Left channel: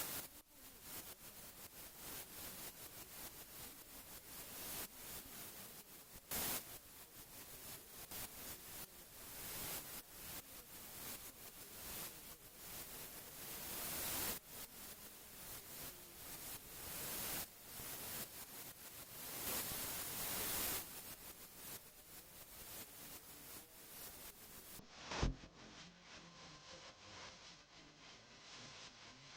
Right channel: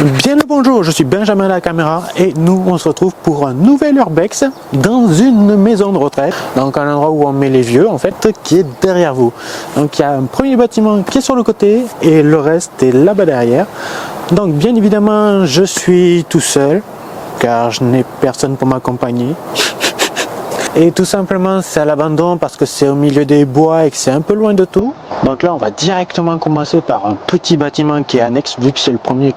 Bien le bonjour, je suis Benjamin à la caméra et nous on se retrouve pour un nouvel urbex dans une maison de retraite, donc un endroit où on met les vieux en fait, qui est derrière vous. Donc il y a un premier bâtiment qui est sur le côté et le reste est là-bas derrière. Donc bien évidemment je suis tout seul car je n'ai personne pour m'accompagner. Et tout simplement c'est à l'abandon parce que c'est au milieu des bois et que c'est un peu loin de tout. Donc là on va directement commencer par un petit bâtiment qui est annexe vu que c'est le premier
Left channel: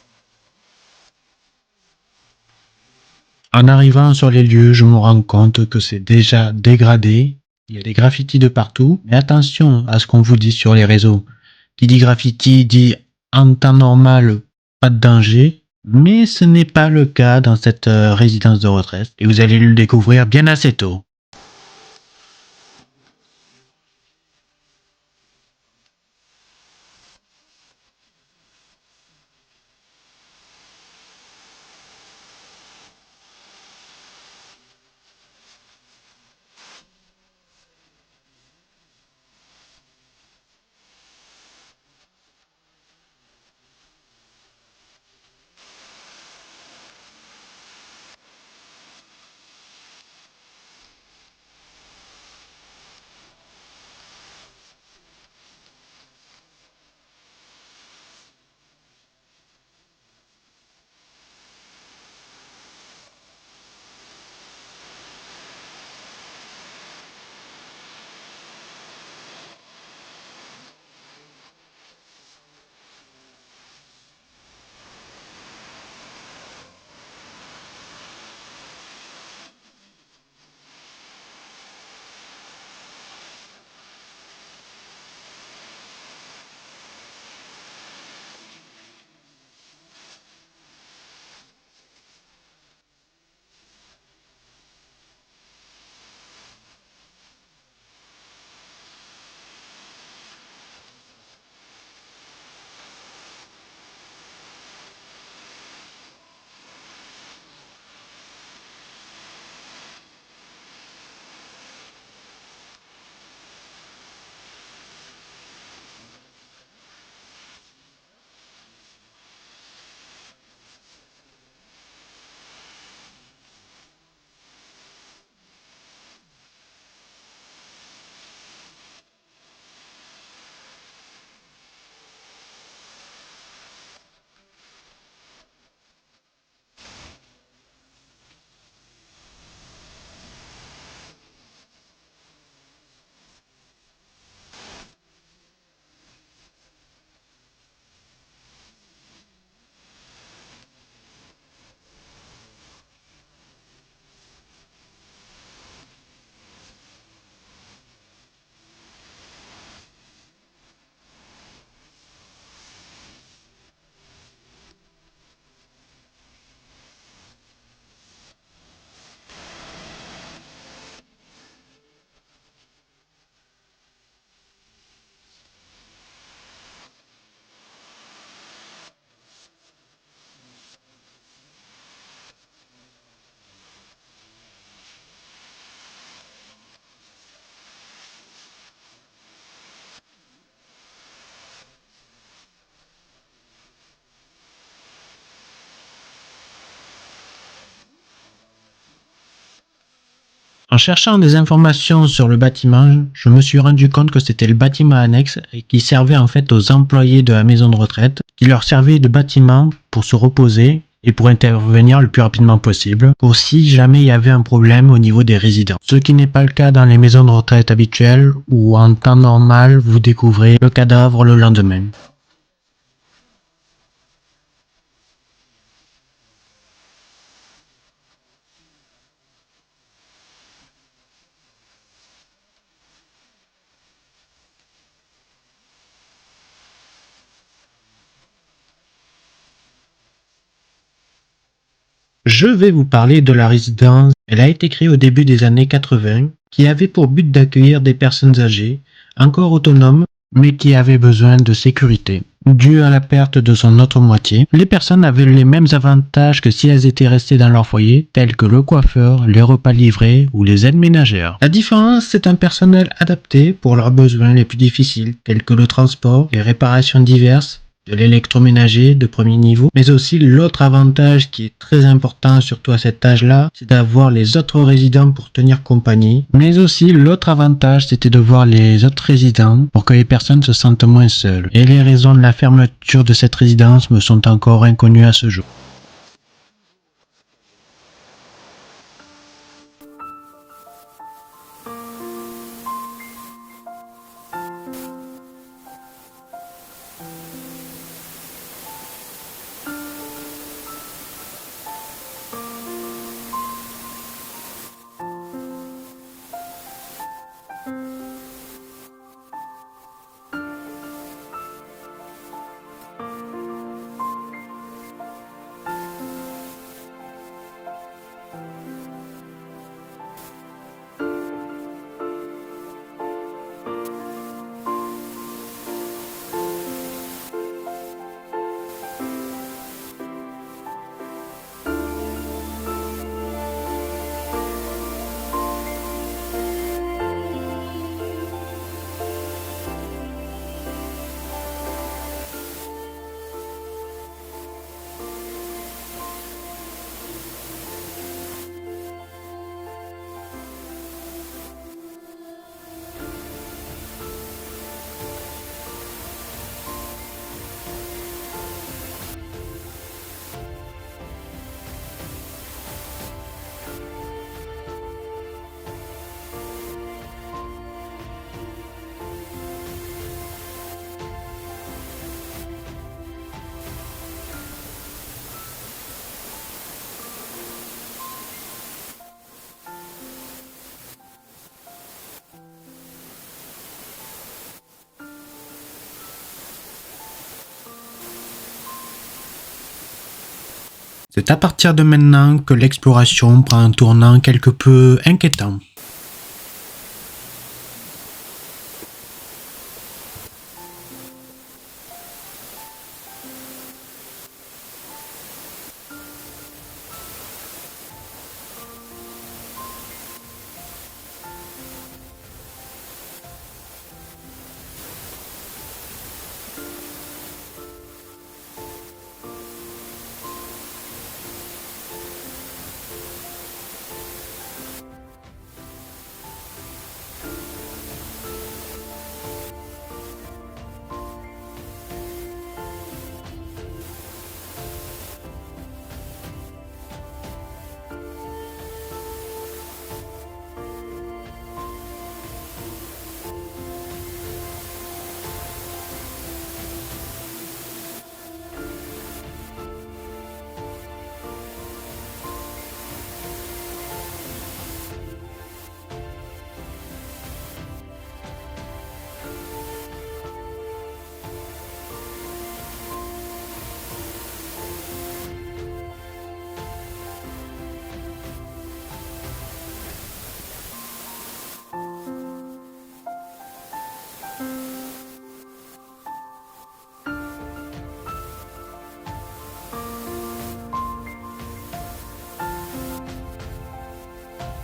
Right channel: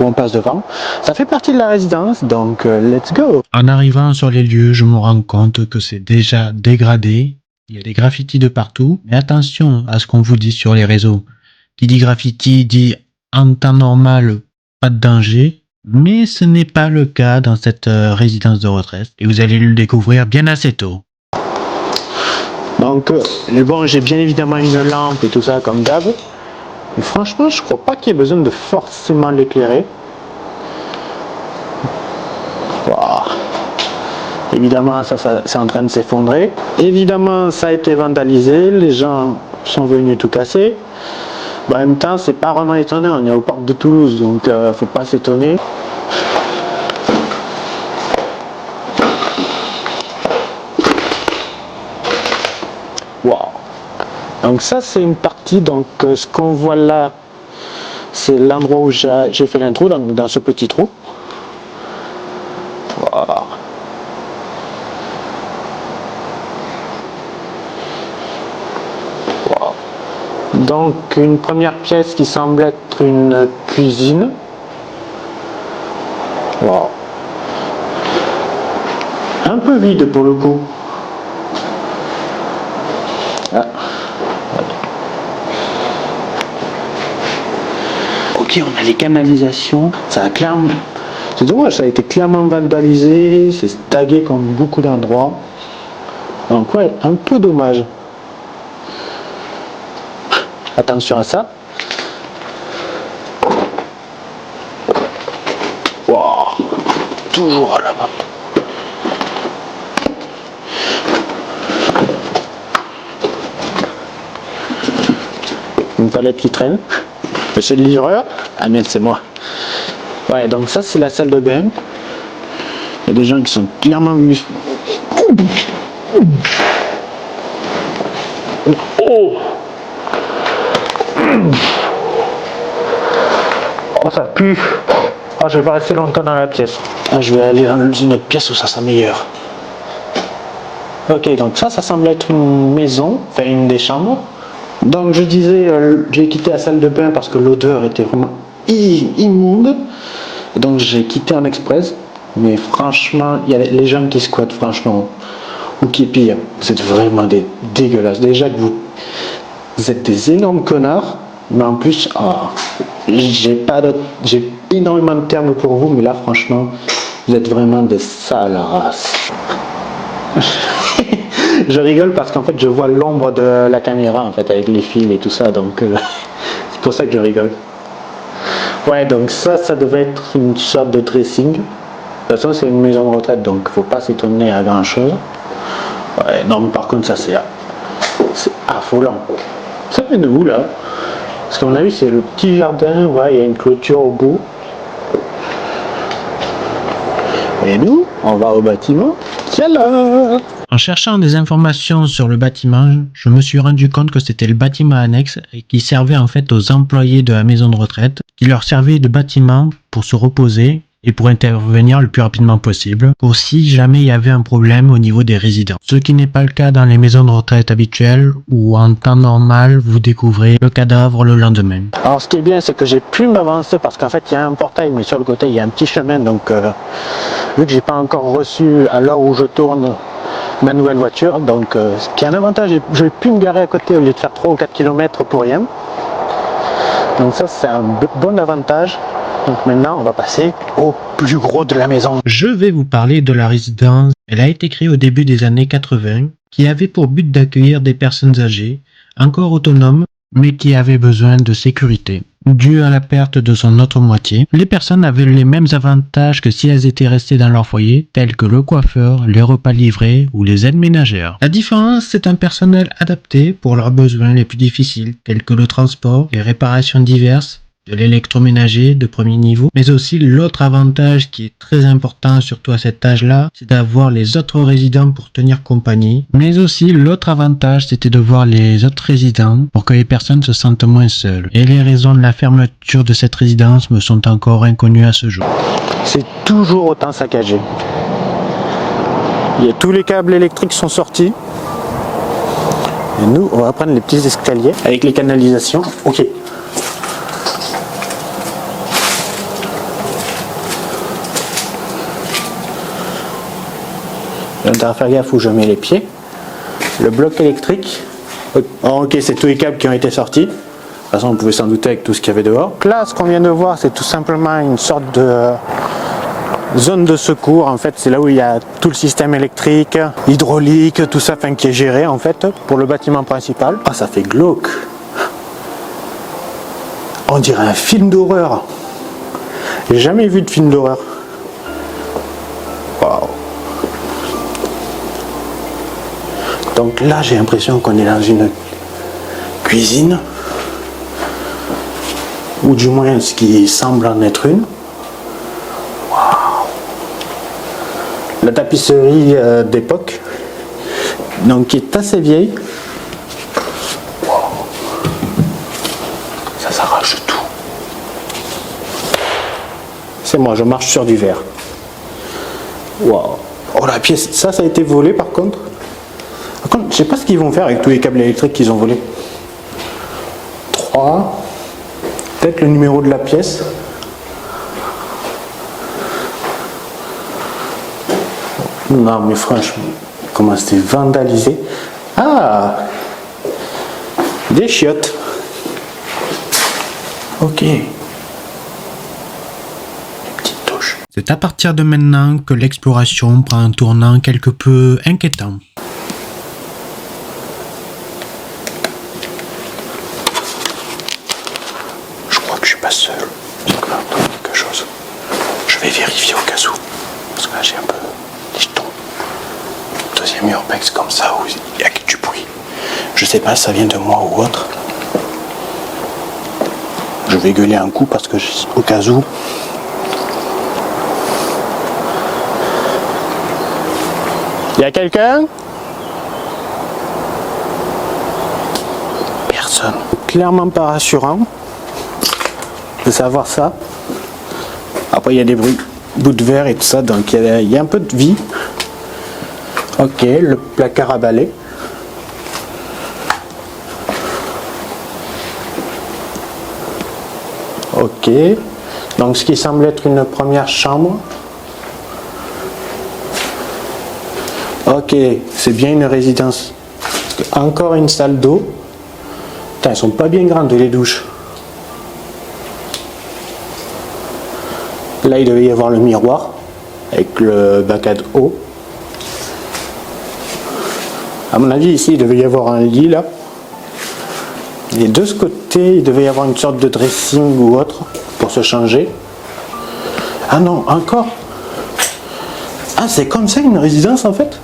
où on passe devant. Ça fait partie de la résidence, donc let's go. En arrivant sur les lieux, je me rends compte que c'est déjà dégradé. Il y a des graffitis de partout. Mais attention à ce qu'on vous dit sur les réseaux. Qui dit graffiti dit en temps normal, pas de danger. Mais ce n'est pas le cas dans cette résidence de retraite. Et vous allez le découvrir bien assez tôt. Donc bon, j'ai bien évidemment une lampe et tout ça comme d'hab. Mais franchement, je crois pas qu'il y ait besoin de forcément l'éclairer. Wow. Évidemment, ça c'est en train de s'effondrer. Évidemment, ça a été vandalisé. Les gens sont venus tout casser. En même temps, c'est pas vraiment étonnant. On est au parc de Toulouse, donc faut pas s'étonner. Wow. Donc ça c'est une partie, donc ce qu'on voit là c'est l'endroit où j'ai fait l'intro, dans ce petit trou. Voilà. Wow. Donc une première pièce qui semble être une cuisine. Wow. Un peu vide pour le coup. Ah. Ok, on a les canalisations, ça a clairement... C'est dommage, ça a été clairement vandalisé, c'est tagué comme beaucoup d'endroits. Donc ouais, un peu dommage. Attention à ça. Wow, toujours à là-bas. Une palette qui traîne. Monsieur le livreur? Ah merde, c'est moi. Ouais, donc ça c'est la salle de bain. Il y a des gens qui sont clairement venus. Oh! Oh, ça pue. Oh, je vais pas rester longtemps dans la pièce. Ah, je vais aller dans une autre pièce où ça sent meilleur. Ok, donc ça semble être une maison, enfin une des chambres. Donc je disais, j'ai quitté la salle de bain parce que l'odeur était vraiment immonde. Donc j'ai quitté en express. Mais franchement, il y a les gens qui squattent franchement. Ou qui pire, vous êtes vraiment des dégueulasses. Déjà que vous êtes des énormes connards. Mais en plus, j'ai énormément de termes pour vous. Mais là franchement, vous êtes vraiment des sales races. Je rigole parce qu'en fait je vois l'ombre de la caméra en fait avec les fils et tout ça, donc c'est pour ça que je rigole. Ouais, donc ça devait être une sorte de dressing. De toute façon c'est une maison de retraite, donc faut pas s'étonner à grand chose. Ouais, non mais par contre ça c'est affolant. Ça vient de où là? Parce qu'on a vu c'est le petit jardin, ouais, il y a une clôture au bout. Et nous, on va au bâtiment. Tiens-là! En cherchant des informations sur le bâtiment, je me suis rendu compte que c'était le bâtiment annexe et qui servait en fait aux employés de la maison de retraite, qui leur servait de bâtiment pour se reposer et pour intervenir le plus rapidement possible, pour si jamais il y avait un problème au niveau des résidents. Ce qui n'est pas le cas dans les maisons de retraite habituelles où en temps normal vous découvrez le cadavre le lendemain. Alors ce qui est bien c'est que j'ai pu m'avancer parce qu'en fait il y a un portail mais sur le côté il y a un petit chemin, donc vu que j'ai pas encore reçu à l'heure où je tourne ma nouvelle voiture, donc ce qui est un avantage, j'ai pu me garer à côté au lieu de faire 3 ou 4 km pour rien. Donc ça c'est un bon avantage. Donc maintenant on va passer au plus gros de la maison. Je vais vous parler de la résidence. Elle a été créée au début des années 80, qui avait pour but d'accueillir des personnes âgées, encore autonomes, mais qui avaient besoin de sécurité. Dû à la perte de son autre moitié, les personnes avaient les mêmes avantages que si elles étaient restées dans leur foyer, tels que le coiffeur, les repas livrés ou les aides ménagères. La différence, c'est un personnel adapté pour leurs besoins les plus difficiles, tels que le transport, les réparations diverses, de l'électroménager de premier niveau. Mais aussi l'autre avantage qui est très important, surtout à cet âge-là, c'est d'avoir les autres résidents pour tenir compagnie. Mais aussi l'autre avantage, c'était de voir les autres résidents pour que les personnes se sentent moins seules. Et les raisons de la fermeture de cette résidence me sont encore inconnues à ce jour. C'est toujours autant saccagé. Tous les câbles électriques sont sortis. Et nous, on va prendre les petits escaliers avec les canalisations. Ok. On va faire gaffe où je mets les pieds. Le bloc électrique. Oh, ok, c'est tous les câbles qui ont été sortis. De toute façon, on pouvait s'en douter avec tout ce qu'il y avait dehors. Là, ce qu'on vient de voir, c'est tout simplement une sorte de zone de secours. En fait, c'est là où il y a tout le système électrique, hydraulique, tout ça, qui est géré en fait pour le bâtiment principal. Ah, ça fait glauque. On dirait un film d'horreur. J'ai jamais vu de film d'horreur. Waouh. Donc là, j'ai l'impression qu'on est dans une cuisine, ou du moins ce qui semble en être une. Waouh. La tapisserie d'époque, donc qui est assez vieille. Waouh. Ça s'arrache tout. C'est moi, je marche sur du verre. Waouh. Oh, la pièce, ça a été volé par contre. Je sais pas ce qu'ils vont faire avec tous les câbles électriques qu'ils ont volés. 3. Peut-être le numéro de la pièce. Non mais franchement, comment c'était vandalisé. Ah, des chiottes. Ok. Petite touche. C'est à partir de maintenant que l'exploration prend un tournant quelque peu inquiétant. Seul, j'ai peur de quelque chose. Je vais vérifier au cas où, parce que là j'ai un peu les jetons. Deuxième urbex comme ça où il y a du bruit. Je sais pas si ça vient de moi ou autre. Je vais gueuler un coup parce que au cas où. Il y a quelqu'un? Personne. Clairement pas rassurant de savoir ça. Après il y a des bouts de verre et tout ça, donc il y a un peu de vie. Ok, le placard à balai. Ok, donc ce qui semble être une première chambre. Ok, c'est bien une résidence. Encore une salle d'eau. Putain, elles sont pas bien grandes les douches. Là, il devait y avoir le miroir avec le bac à eau. À mon avis, ici, il devait y avoir un lit là. Et de ce côté, il devait y avoir une sorte de dressing ou autre pour se changer. Ah non, encore. Ah, c'est comme ça une résidence en fait?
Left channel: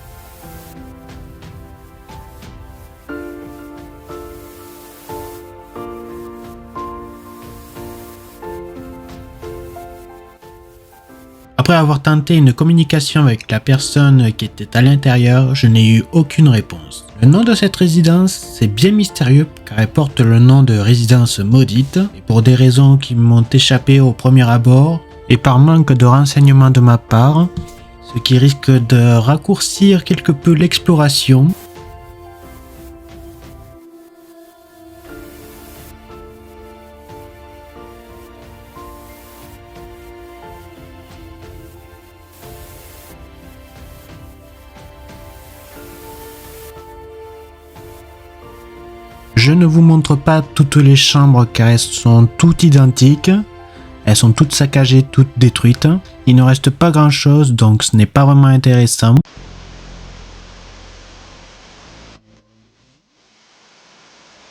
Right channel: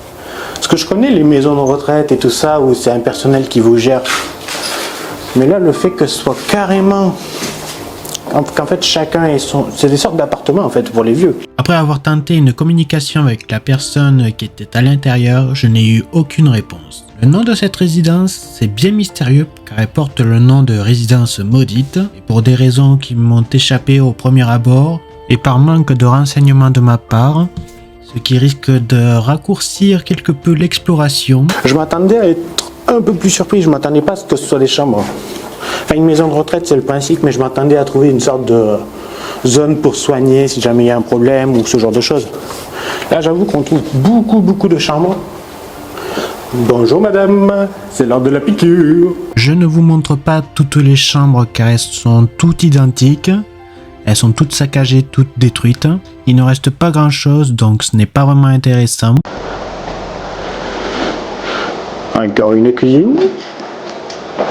Parce que je connais les maisons de retraite et tout ça où c'est un personnel qui vous gère. Mais là, le fait que ce soit carrément... qu'en fait chacun ait son... C'est des sortes d'appartements en fait pour les vieux. Après avoir tenté une communication avec la personne qui était à l'intérieur, je n'ai eu aucune réponse. Le nom de cette résidence, c'est bien mystérieux car elle porte le nom de résidence maudite et pour des raisons qui m'ont échappé au premier abord et par manque de renseignements de ma part, ce qui risque de raccourcir quelque peu l'exploration. Je m'attendais à être un peu plus surpris, je m'attendais pas à ce que ce soit des chambres. Enfin, une maison de retraite, c'est le principe, mais je m'attendais à trouver une sorte de zone pour soigner si jamais il y a un problème ou ce genre de choses. Là, j'avoue qu'on trouve beaucoup de chambres. Bonjour madame, c'est l'heure de la piqûre. Je ne vous montre pas toutes les chambres car elles sont toutes identiques. Elles sont toutes saccagées, toutes détruites. Il ne reste pas grand chose, donc ce n'est pas vraiment intéressant. Encore une cuisine.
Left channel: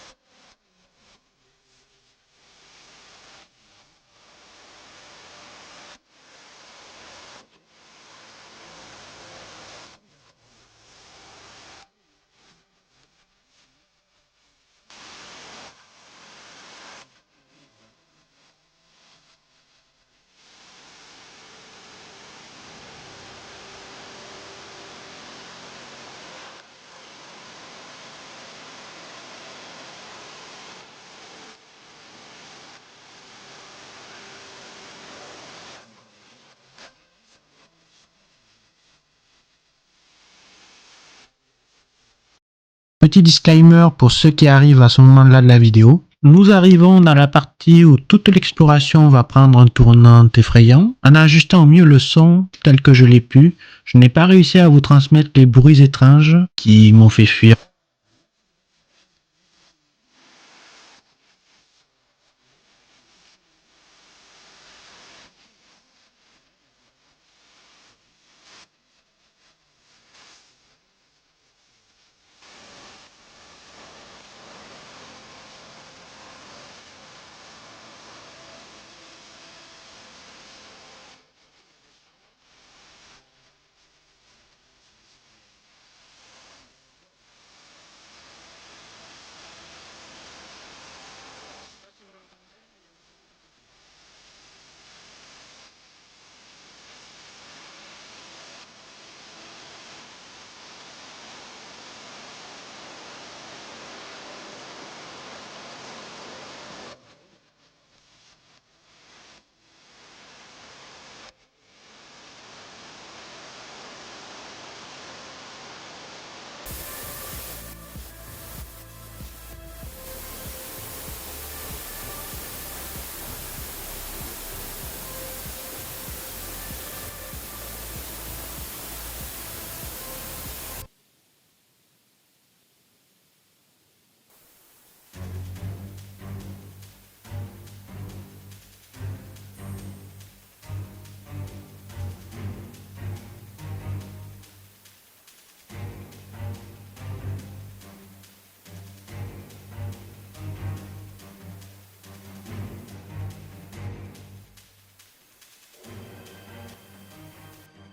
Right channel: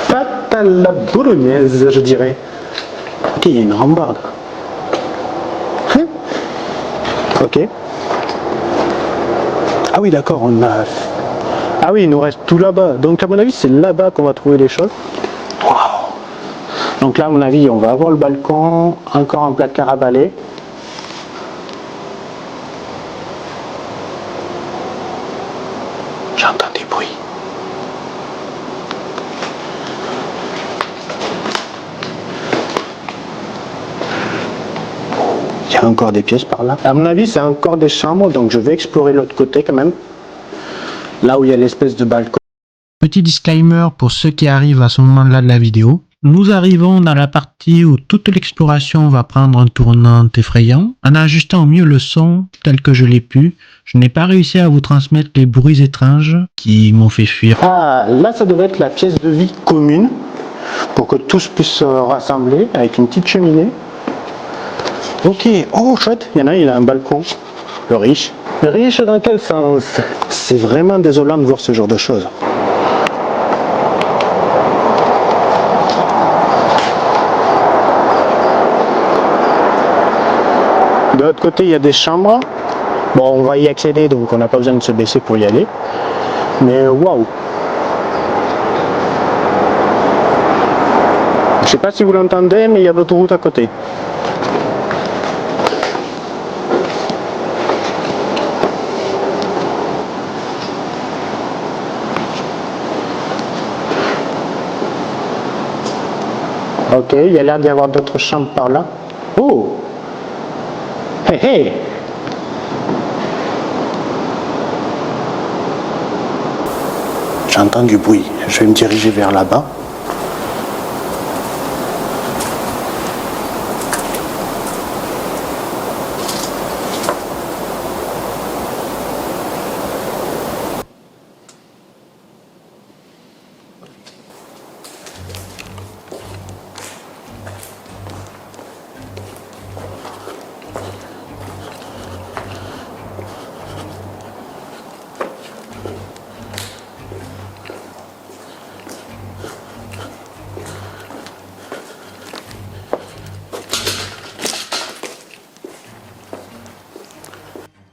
Pâte à la bolognaise, je dirais. Ok, il y a une rambarde. Hein? Ok. Ah oui, d'accord, on a... Ah oui, il nous reste tout là-bas. Donc à mon avis, c'est là-bas qu'on va trouver les choses. Waouh. Donc là, à mon avis, on va avoir le balcon, encore un placard à balai. J'entends des bruits. Il y a encore des pièces par là. À mon avis, c'est encore des chambres, donc je vais explorer l'autre côté quand même. Là où il y a l'espèce de balcon. Petit disclaimer pour ceux qui arrivent à ce moment-là de la vidéo. Nous arrivons dans la partie où toute l'exploration va prendre un tournant effrayant. En ajustant au mieux le son tel que je l'ai pu, je n'ai pas réussi à vous transmettre les bruits étranges qui m'ont fait fuir. Ah, là ça devrait être la pièce de vie commune pour que tous puissent se rassembler avec une petite cheminée. Ok, oh chouette, il y en a, il a un balcon. Le riche. Le riche dans quel sens? C'est vraiment désolant de voir ce genre de choses. De l'autre côté, il y a des chambres. Bon, on va y accéder, donc on n'a pas besoin de se baisser pour y aller. Mais waouh! Je sais pas si vous l'entendez, mais il y a l'autoroute à côté. Ok, il y a l'air d'y avoir d'autres chambres par là. Oh! Hey, hey! J'entends du bruit. Je vais me diriger vers là-bas.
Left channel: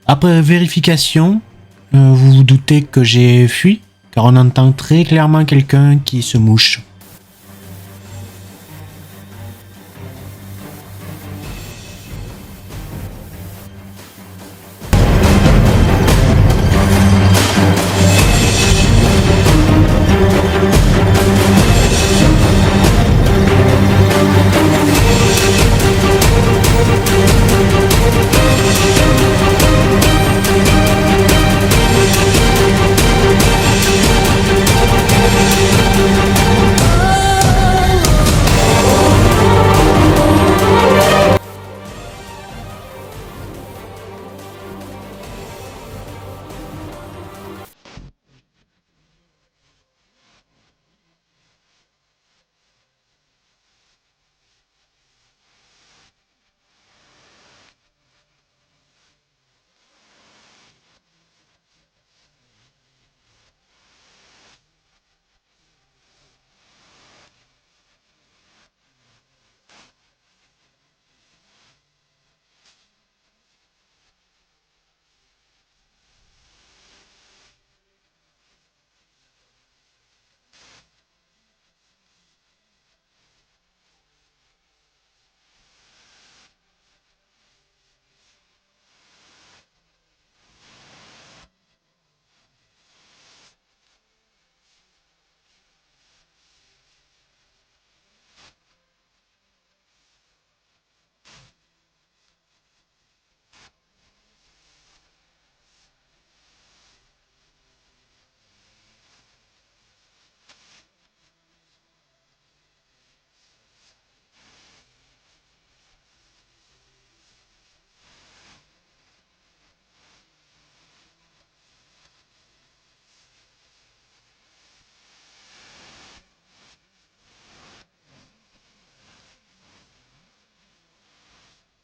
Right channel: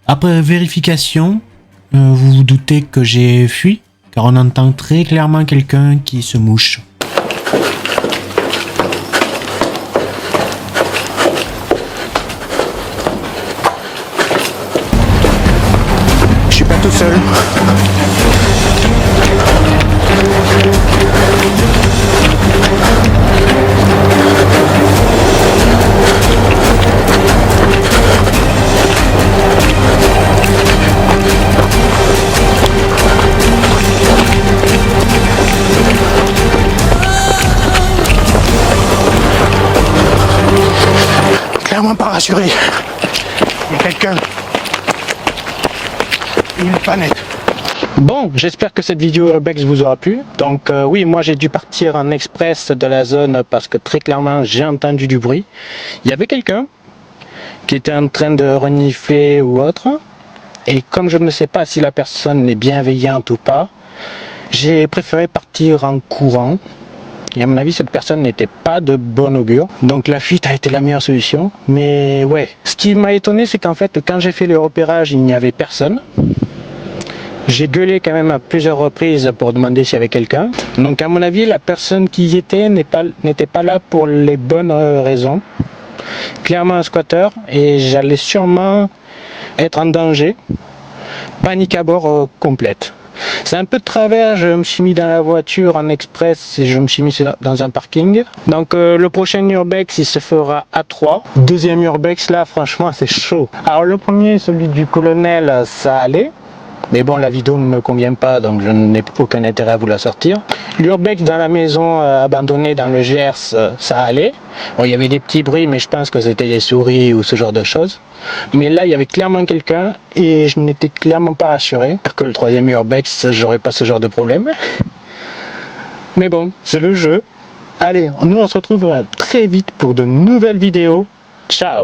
Après vérification, vous vous doutez que j'ai fui, car on entend très clairement quelqu'un qui se mouche. Je suis pas tout seul. Clairement pas rassuré. Il y a quelqu'un. Il n'est pas net. Bon, j'espère que cette vidéo Urbex vous aura plu. Donc oui, moi j'ai dû partir en express de la zone parce que très clairement j'ai entendu du bruit. Il y avait quelqu'un qui était en train de renifler ou autre. Et comme je ne sais pas si la personne est bienveillante ou pas, j'ai préféré partir en courant. Et à mon avis, cette personne n'était pas de bon augure. Donc la fuite a été la meilleure solution. Mais ouais, ce qui m'a étonné, c'est qu'en fait, quand j'ai fait le repérage, il n'y avait personne. J'ai gueulé quand même à plusieurs reprises pour demander s'il y avait quelqu'un. Donc à mon avis, la personne qui y était n'était pas là pour les bonnes raisons. Clairement un squatter, et j'allais sûrement être en danger. Panique à bord complète. C'est un peu de travers, je me suis mis dans la voiture en express et je me suis mis dans un parking. Donc le prochain Urbex il se fera à 3. Deuxième Urbex là franchement c'est chaud. Alors le premier, celui du colonel, ça allait. Mais bon, la vidéo ne me convient pas, donc je n'ai aucun intérêt à vous la sortir. L'Urbex dans la maison abandonnée dans le Gers, ça allait. Bon, il y avait des petits bruits, mais je pense que c'était des souris ou ce genre de choses. Mais là, il y avait clairement quelqu'un et je n'étais clairement pas rassuré. J'espère que le troisième Urbex, j'aurais pas ce genre de problème. Mais bon, c'est le jeu. Allez, nous on se retrouve très vite pour de nouvelles vidéos. Ciao!